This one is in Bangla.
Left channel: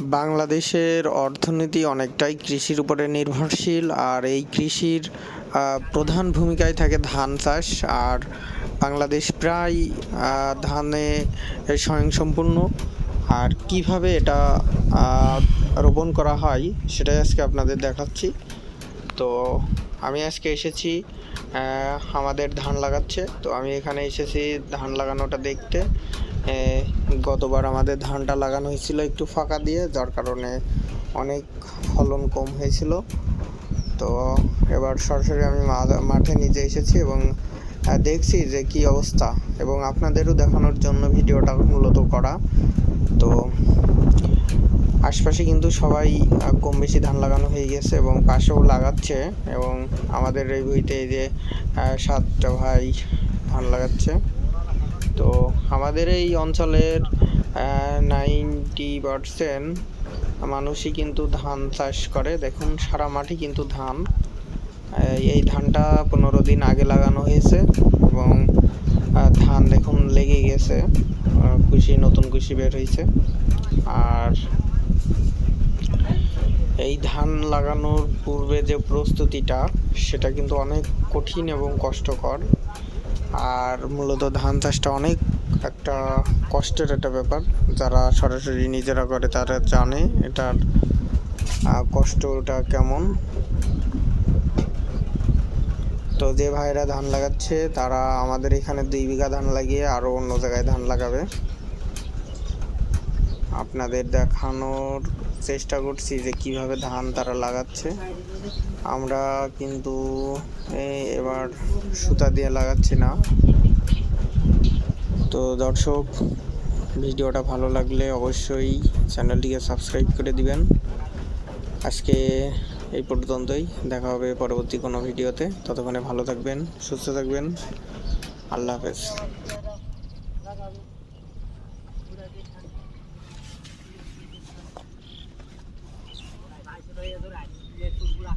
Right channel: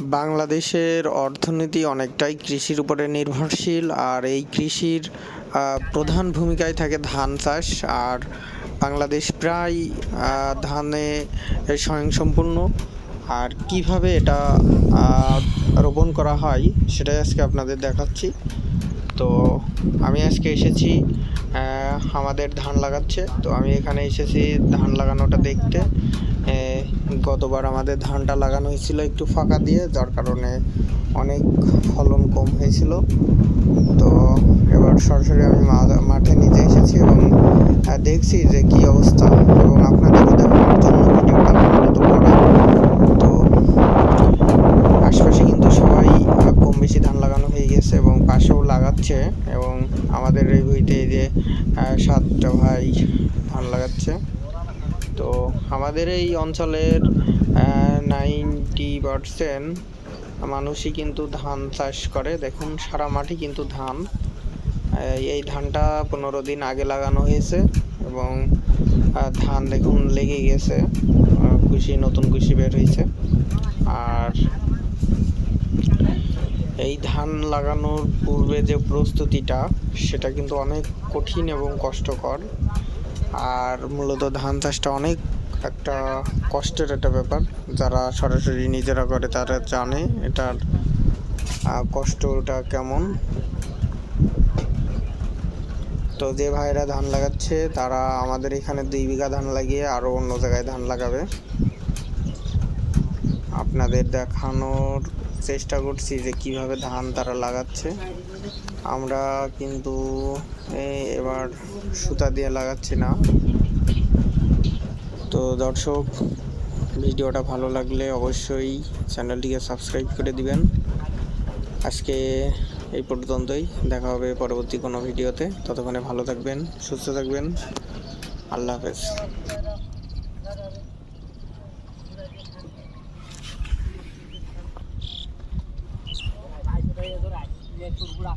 বাংলাদেশের অর্থনীতি অনেকটাই কৃষির উপরে নির্ভরশীল, আর এই কৃষির প্রধান ভূমিকায় থাকে ধান চাষ, আর বাংলাদেশ প্রায় ধানে স্বয়ংসম্পূর্ণ। আর কীভাবে এটা রোপণ করা হয় সেটাই আজকে আপনাদের দেখাচ্ছি। তো আমি আজকে এসেছি আমাদের ধান লাগাচ্ছে। তো আমি এখানে এসেছি ধান লাগানোটা দেখতে। গতবার আমাদের ধানটা লাগানো হয়েছিল একটু ফাঁকা দিয়ে, যার কারণে অনেক ফলন কম হয়েছিল। তো এবার সরাসরি আমি মাঠে নিজে এসেছি এবং দেখছি যে কি অবস্থা এবং আপনাদেরও দেখানোর জন্য ভিডিওটা মূলত করা। তো আশপাশে কিন্তু সবাই কম বেশি ধান লাগানো হয়ে গেছে এবং পাশেও লাগাচ্ছে এবং আমাদের এই ভুঁইতে যে সাতটা ভাই ধান লাগাচ্ছে। তো আমাদের এই অঞ্চলের নাইনটি পারসেন্ট মানুষই কিন্তু ধান চাষ করে। দেখুন, সারা মাঠে কিন্তু ধান। এই ধানটা পনেরো দিন আগে লাগানো হয়েছে এবং ধান দেখুন লেগে গেছে। কুশি নতুন কুশি বের হয়েছে। আর এই ধান লাগানোর পূর্বে যে প্রস্তুতিটা, সেটা কিন্তু অনেক কঠিন এবং কষ্টকর। আর মূলত ধান চাষটা অনেক একটা কষ্টের একটা ব্যাপার। যারা সরাসরি নিজেরা করে তারা জানে এটার কষ্টটা কেমন। তো যে ভাইরা ধান লাগাচ্ছে তারা আমাদের এখানে দুই বিঘা ধান লাগিয়ে আরও অন্য জায়গায় ধান লাগাবে। আপনাদের দেখানোর চেষ্টা করছি যে কীভাবে ধান তারা লাগাচ্ছে। আমরা কিন্তু এবার সুতা দিয়ে লাগাচ্ছি না। তো দর্শক, ভিডিওটা ভালো লাগলে অবশ্যই চ্যানেলটিকে সাবস্ক্রাইব করে দিবেন। আজকে এই পর্যন্তই, দেখা হবে পরবর্তী কোনো ভিডিওতে। ততক্ষণে ভালো থাকবেন, সুস্থ থাকবেন। আল্লাহ হাফেজ।